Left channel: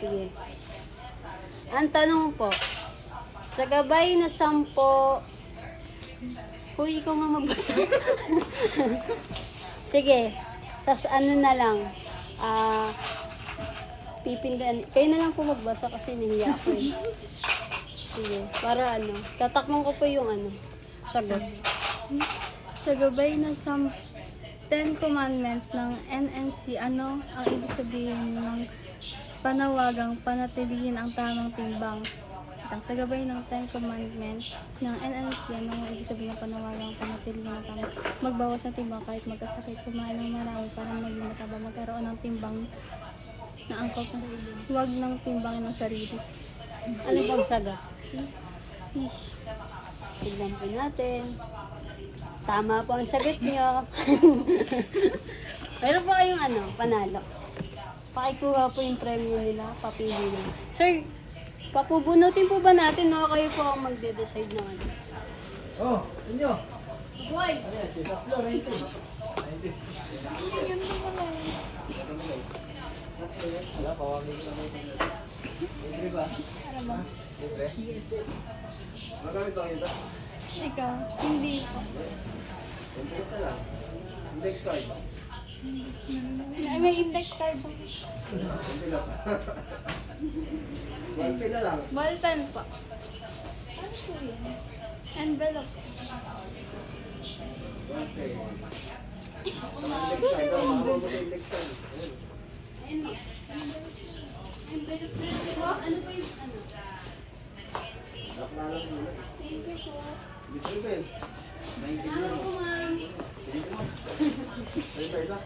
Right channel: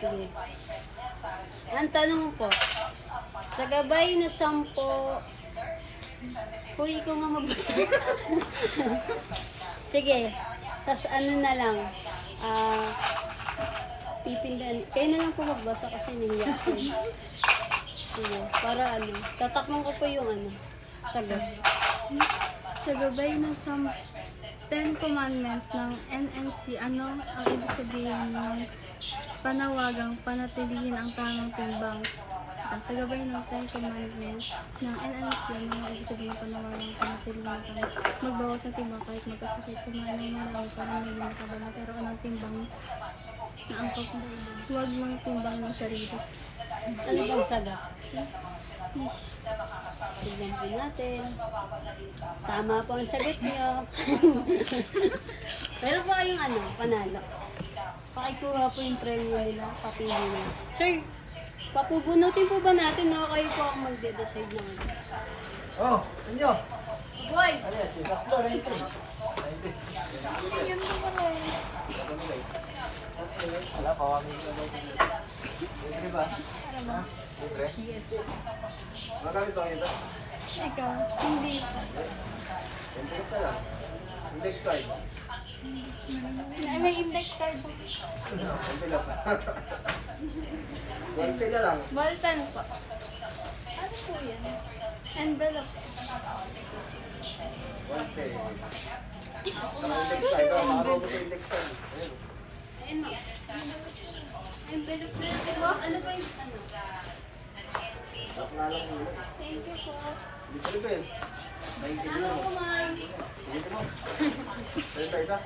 Sige. Ang tanong po, sa gabay na 10, kung ikaw na magbasa. Sige, sa ano na lang, pipindan. Tayo na lang po magbasa kasi niya ako. Sige, para ano, tatakmon ko po yung ano, sagot. Sa gabay ng 10 commandments ng NNC, ano ang ibig sabihin ng panawagang panatilihin ang tamang timbang? Sa gabay ng 10 commandments ng NNC, ano ang ibig sabihin ng panawagang panatilihin ang tamang magbawas ng timbang kahit magkasakit, kumain ng marami para maging mataba, magkaroon ng timbang na angkop na ilan. Huwag ng timbangin ng sarili. Ano bang sagot? Si Tignan po natin. Tama po ang sagot niyo. Pero po kayong ano, panalo. Pakikuha po yung premyo nila, papili nila. Sir, papubunutin po ba natin o kayo po ang magde-decide na ano? Oh, ano? Boy! yan po pala eh. Wala pa, wala libre ba? Para ba? Libre? Yes. Magkano ito ito? Ikaw, hindi po. Index ka lang. Index card. May index card po. Konti na lang. Ballpen po. Ano po yan? Envelope. Konti. Index card. Marunong ka index card. Ayun. Ano? Envelope plate po? Ano ba yung ano? Ba't nga lang muna? Thank you po. Libre ba eh? 90 Ano po ma'am? Sige mo. Libre ito?